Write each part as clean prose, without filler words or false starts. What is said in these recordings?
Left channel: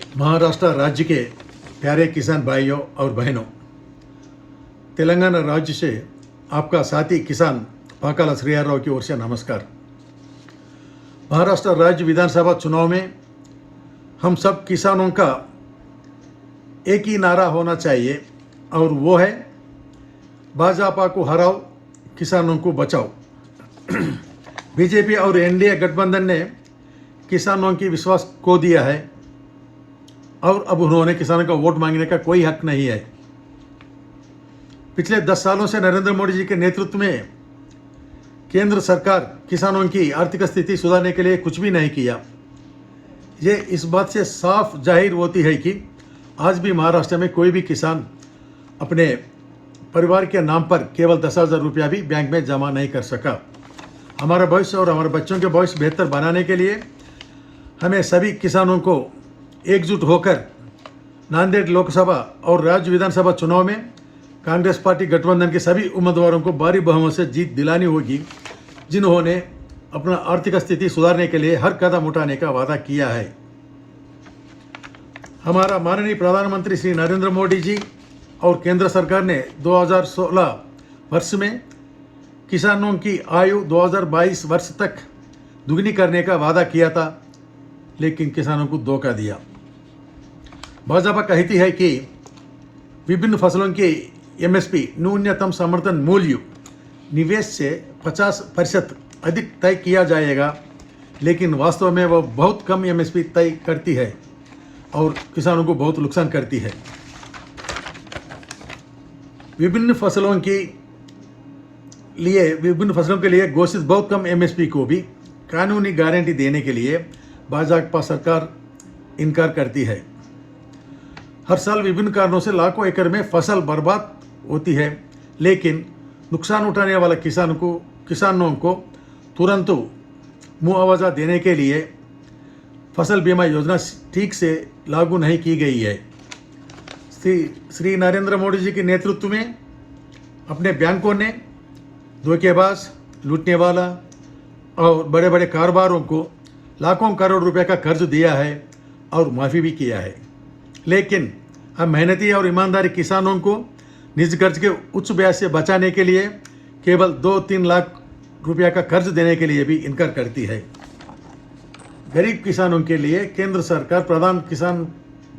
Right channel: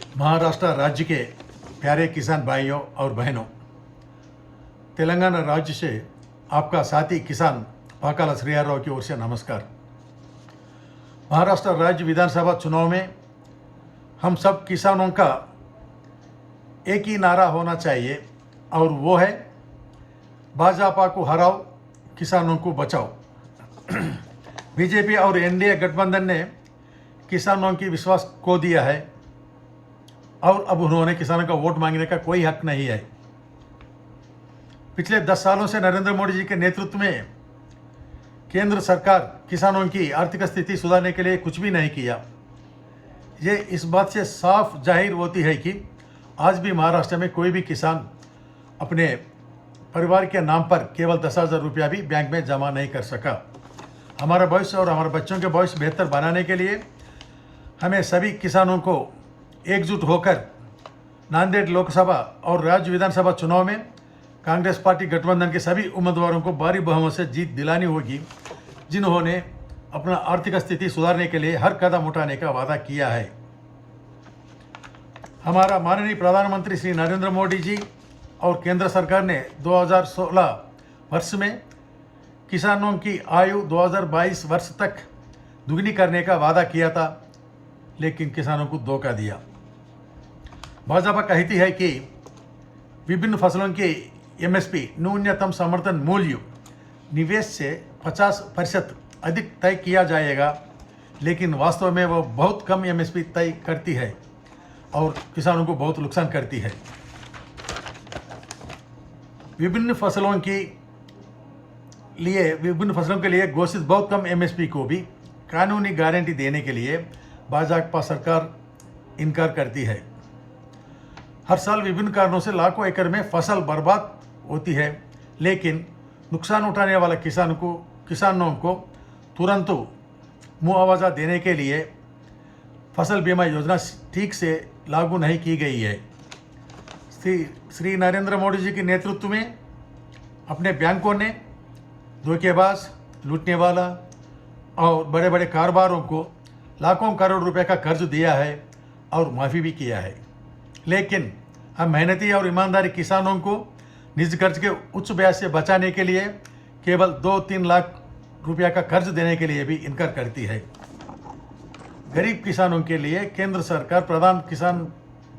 महाराष्ट्र राज्य के प्यारे किसान भाइयों और बहनों, तेलंगाना राज्य से आपका साथी किसान पाकाला श्रीहरराव की ओर से नमस्कार। महाराष्ट्र राज्य विधानसभा चुनाव में हम सब किसानों का एक ही नारा होना चाहिए और वो है भाजपा को हराओ, किसानों को बचाओ। बीजेपी और एनडीए गठबंधन ने किसानों की विश्वास खो दिया है और अब उन्होंने किसानों का वोट मांगने का कोई हक नहीं है। पिछले 10 सालों से नरेंद्र मोदी जी के नेतृत्व में केंद्र सरकार किसानों की आर्थिक स्थिति सुधारने के लिए कुछ भी नहीं किया। ये इस बात से साफ जाहिर होती है कि आज भी महाराष्ट्र में कोई भी किसान अपने परिवार के नाम पर केवल 10,000 रुपया भी बैंक में जमा नहीं कर सका। हमारा भविष्य और हमारे बच्चों के भविष्य बेहतर बनाने के लिए हमें सभी किसानों को एकजुट होकर नांदेड़ लोकसभा और राज्य विधानसभा चुनाव में कांग्रेस पार्टी गठबंधन के सभी उम्मीदवारों को भारी बहुमत से जीत दिलानी होगी, जिन्होंने अपना आर्थिक स्थिति सुधारने के लिए हर कदम उठाने का वादा किया है। हमारा माननीय प्रधानमंत्री श्री नरेंद्र मोदी जी और केंद्र सरकार ने 2016 वर्ष में किसानों की आयु 2022 वर्ष तक दुगनी करने का वादा किया था, लेकिन किसानों को धोखा दिया। भाजपा कहती है कि विभिन्न फसलों के एमएसपी न्यूनतम समर्थन मूल्य निवेश से 50% अधिक तय किया जाएगा, लेकिन वास्तव में वह बहुत कम एमएसपी तय करती है और किसानों को बहुत नुकसान करती है। विभिन्न फसलों के लिए घोषित बहुत कम एमएसपी को भी कानूनी गारंटी देने के लिए भाजपा सरकार इनकार करती है। हर साल विभिन्न कारणों से लाखों एकड़ में फसल बर्बाद होती है, लेकिन नुकसान उठाने वाला किसानों को तुरंत मुआवजा देने के लिए फसल बीमा योजना ठीक से लागू नहीं की गई है। श्री नरेंद्र मोदी जी के नेतृत्व में अपने बैंकों ने धोखेबाज, लूटने वाला और बड़े बड़े कारोबारों को लाखों करोड़ रुपए का कर्ज दिया है और माफ़ी भी किया है, लेकिन हम मेहनती और ईमानदारी किसानों को निज कर्ज के उच्च ब्याज से बचाने के लिए केवल 2-3 लाख रुपया का कर्ज देने के लिए भी इनकार करती है। गरीब किसानों के लिए केंद्र सरकार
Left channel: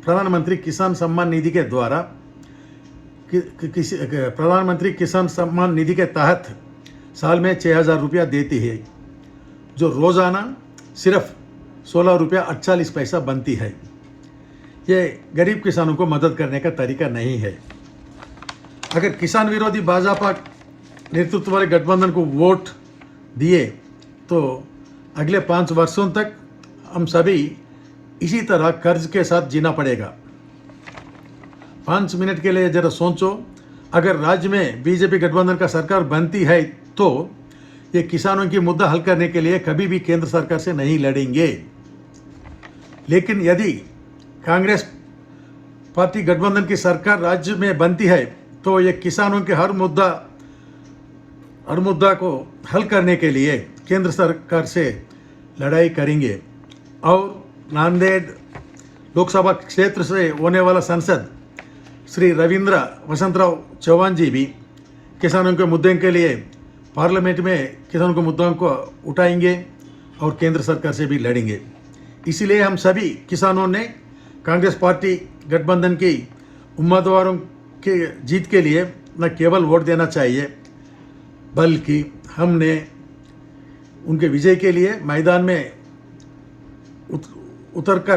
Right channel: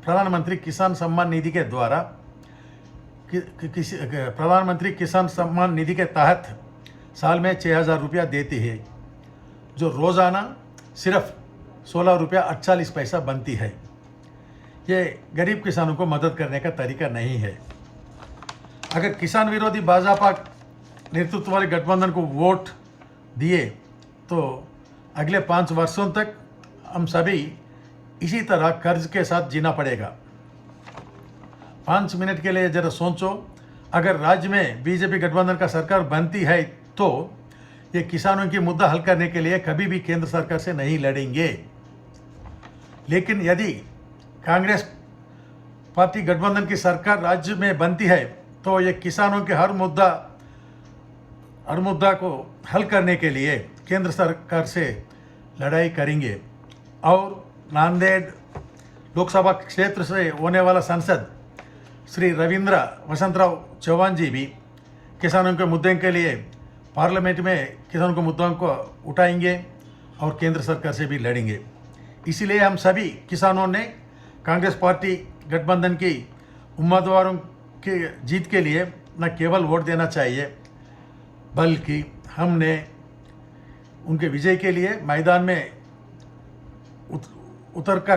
प्रधानमंत्री किसान सम्मान निधि के द्वारा प्रधानमंत्री किसान सम्मान निधि के तहत साल में 6,000 रुपया देती है, जो रोज़ाना सिर्फ 16 रुपया 48 पैसा बनती है। ये गरीब किसानों को मदद करने का तरीका नहीं है। अगर किसान विरोधी भाजपा नेतृत्व वाले गठबंधन को वोट दिए तो अगले 5 वर्षों तक हम सभी इसी तरह कर्ज के साथ जीना पड़ेगा। 5 मिनट के लिए जरा सोचो, अगर राज्य में बीजेपी गठबंधन का सरकार बनती है तो ये किसानों की मुद्दा हल करने के लिए कभी भी केंद्र सरकार से नहीं लड़ेंगे, लेकिन यदि कांग्रेस पार्टी गठबंधन की सरकार राज्य में बनती है तो ये किसानों के हर मुद्दा को हल करने के लिए केंद्र सरकार से लड़ाई करेंगे और नांदेड़ लोकसभा क्षेत्र से होने वाला सांसद श्री रविंद्र वसंतराव चौहान जी भी किसानों के मुद्दे के लिए पार्लियामेंट में किसानों के मुद्दों को उठाएंगे और केंद्र सरकार से भी लड़ेंगे। इसीलिए हम सभी किसानों ने कांग्रेस पार्टी गठबंधन की उम्मीदवारों के जीत के लिए न केवल वोट देना चाहिए, बल्कि हमने उनके विजय के लिए मैदान में उतरकर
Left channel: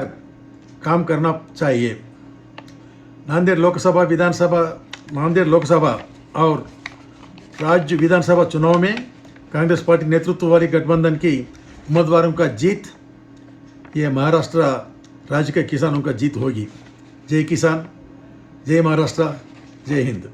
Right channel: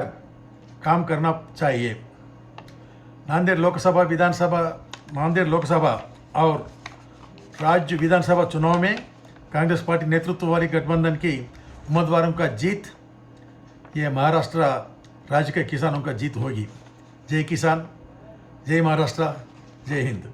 काम करना चाहिए। नांदेड़ लोकसभा और राज्य विधानसभा चुनाव में कांग्रेस पार्टी नेतृत्व वाली गठबंधन की उम्मीदवारों का जीत, ये महाराष्ट्र राज्य के किसानों का जीत होगी। जय किसान, जय महाराष्ट्र, जय हिंद।